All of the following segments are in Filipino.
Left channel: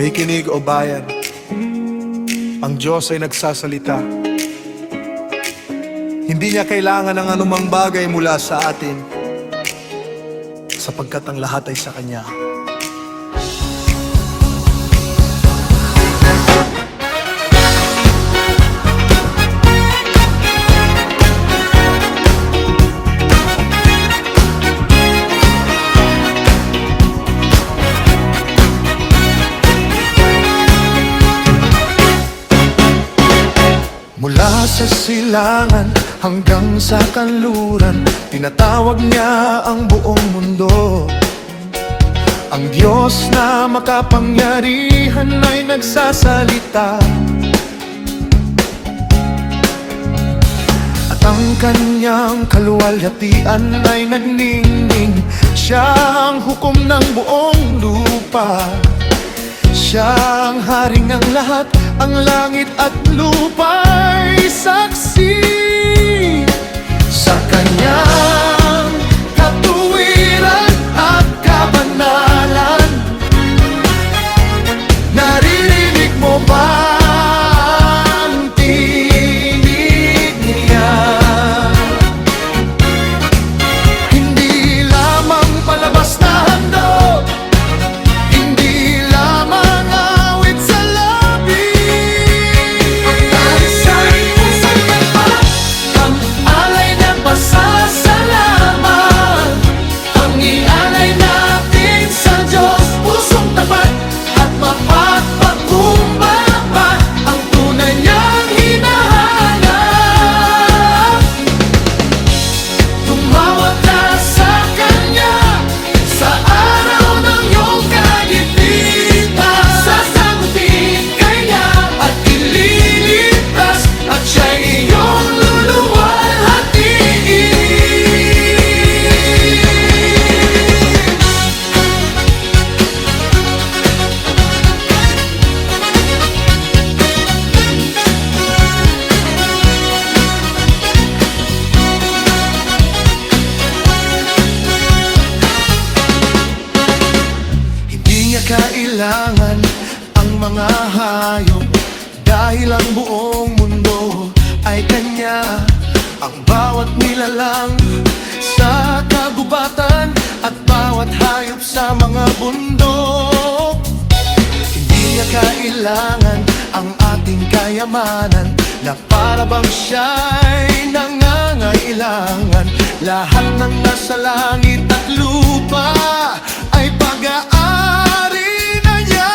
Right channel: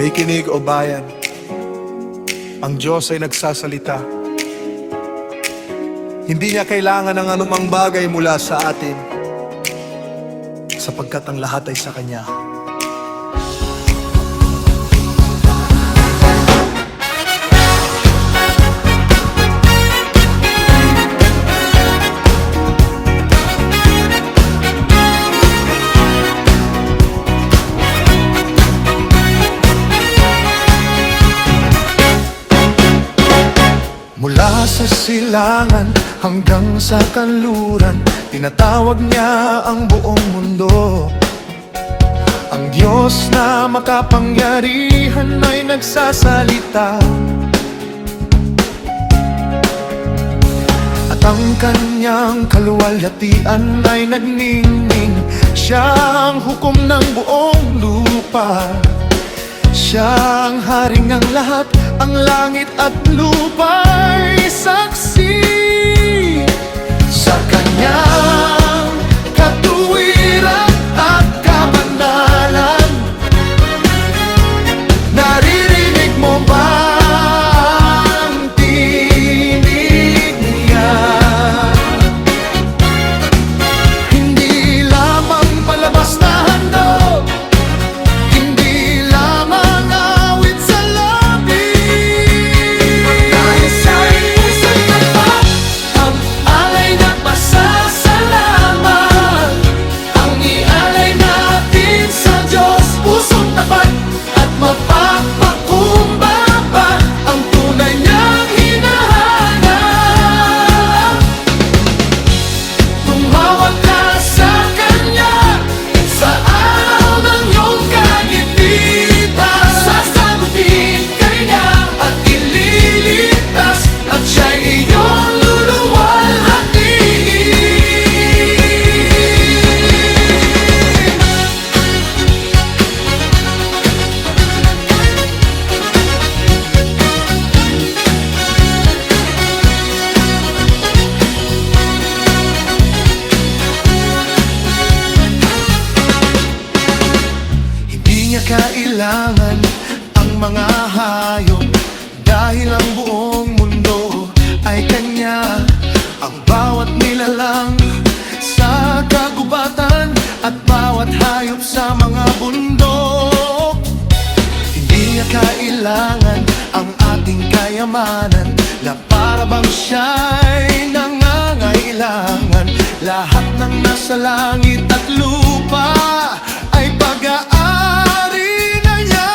May kinig o bayan, ang Diyos ay nagsasalita. Hindi niya kailangan ng anumang bagay mula sa atin, sapagkat ang lahat ay sa Kanya. Mula sa silangan hanggang sa kanluran, tinatawag niya ang buong mundo. Ang Diyos na makapangyarihan ay nagsasalita, at ang kanyang kaluwalhatian ay nagningning. Siya ang hukom ng buong lupa, siya ang hari ng lahat. Ang langit at lupa'y saksi sa kanyang katuwiran at kabanalan. Naririnig mo ba ang tinig niya? Hindi lamang palabas na handog, hindi lamang awit sa labi. Ang alay na pasasalamat, ang ialay natin sa Diyos, pusong tapat at mapagpakumbaba, ang tunay niyang hinahanap. Tumawag ka sa Kanya sa araw ng iyong kagipitan, sasagutin Kanya at ililigtas, at siya'y iyong luluwalhatiin. Hindi niya kailangan ang mga hayop, dahil ang buong mundo ay Kanya. Ang bawat nilalang sa kagubatan at bawat hayop sa mga bundok. Hindi niya kailangan ang ating kayamanan, na para bang siya'y nangangailangan. Lahat ng nasa langit at lupa ay pag-aari na niya.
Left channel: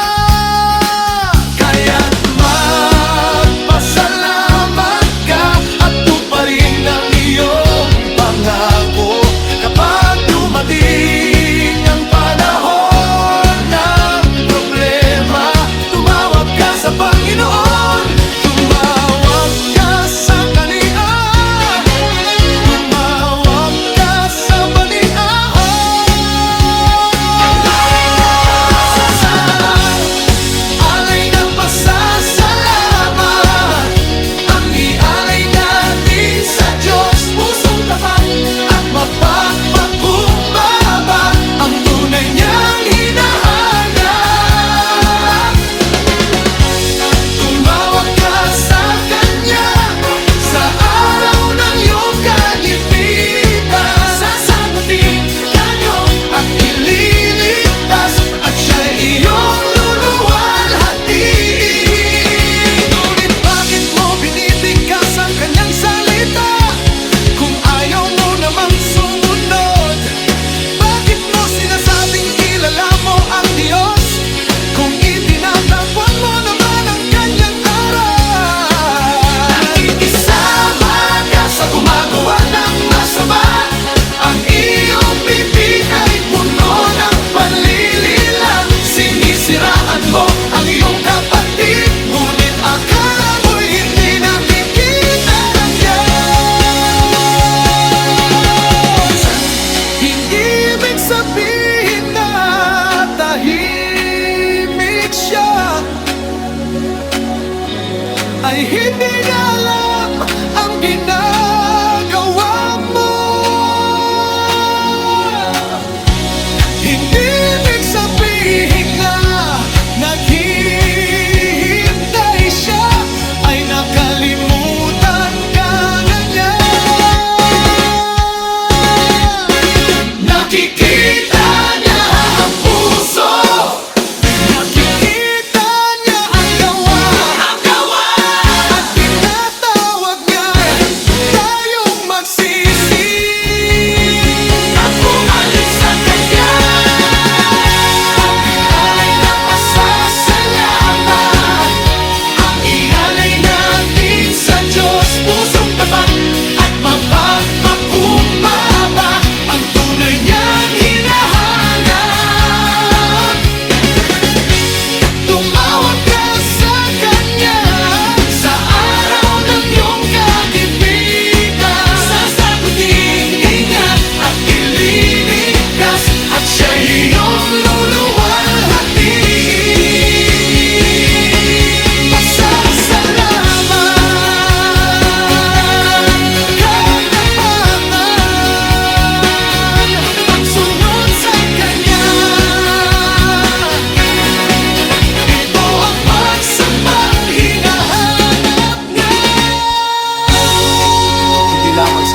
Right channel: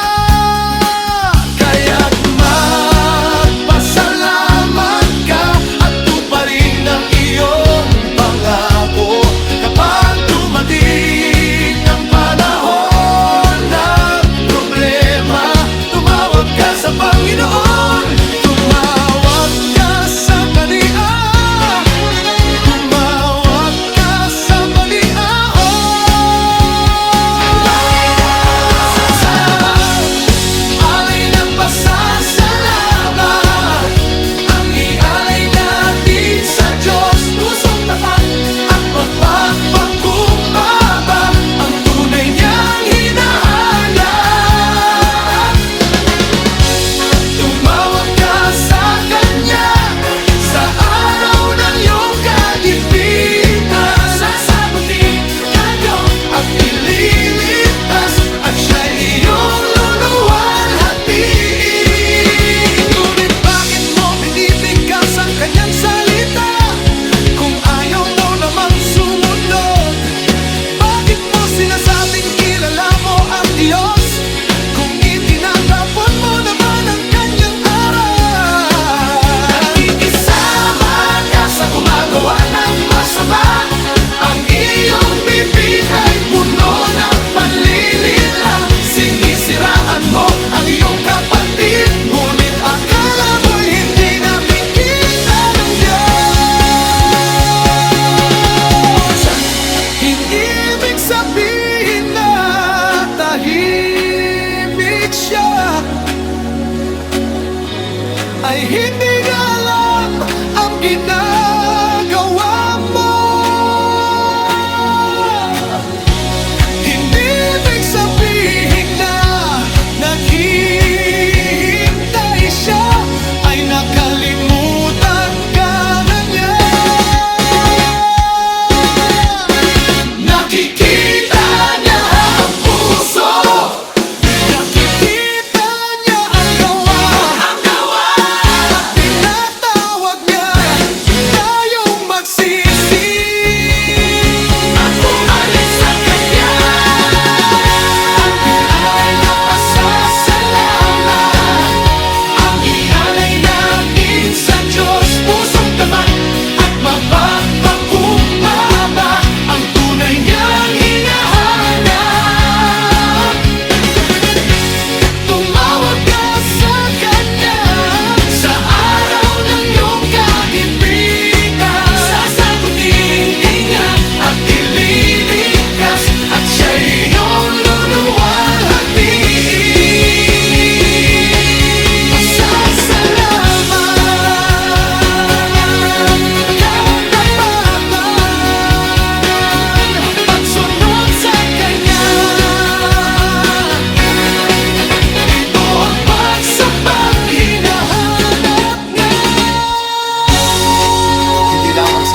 Kaya't magpasalamat ka at tuparin ang iyong pangako. Kapag dumating ang panahon ng problema, tumawag ka sa Panginoon, tumawag ka sa Kanya, tumawag ka sa Panginoon. Alay na pasasalamat, ang ialay natin sa Diyos, pusong tapat at mapagpakumbaba, ang tunay niyang hinahanap. Tumawag ka sa Kanya sa araw ng iyong kagipitan, sasagutin Kanya at ililigtas, at siya'y iyong luluwalhatiin. Ngunit bakit mo binibigkas ang Kanyang salita kung ayaw mo namang sumunod? Bakit mo sinasabing kilala mo ang Diyos kung itinatapon mo naman ang Kanyang aral? Nakikisama ka sa gumagawa ng masama, ang iyong bibig ay puno ng panlilila. Sinisiraan mo ang iyong kapatid, ngunit akala mo'y hindi nakikita ng Diyos. Hindi ibig sabihin na tahimik siya, ay hindi niya alam ang ginagawa mo. Hindi ibig sabihin na nag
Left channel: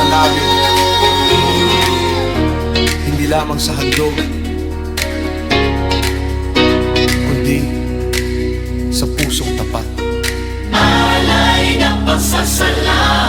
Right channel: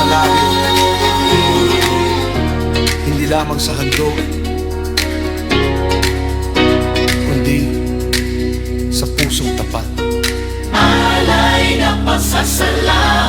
sa labi, hindi lamang sa handog, kundi sa pusong tapat. Alay na pasasalamat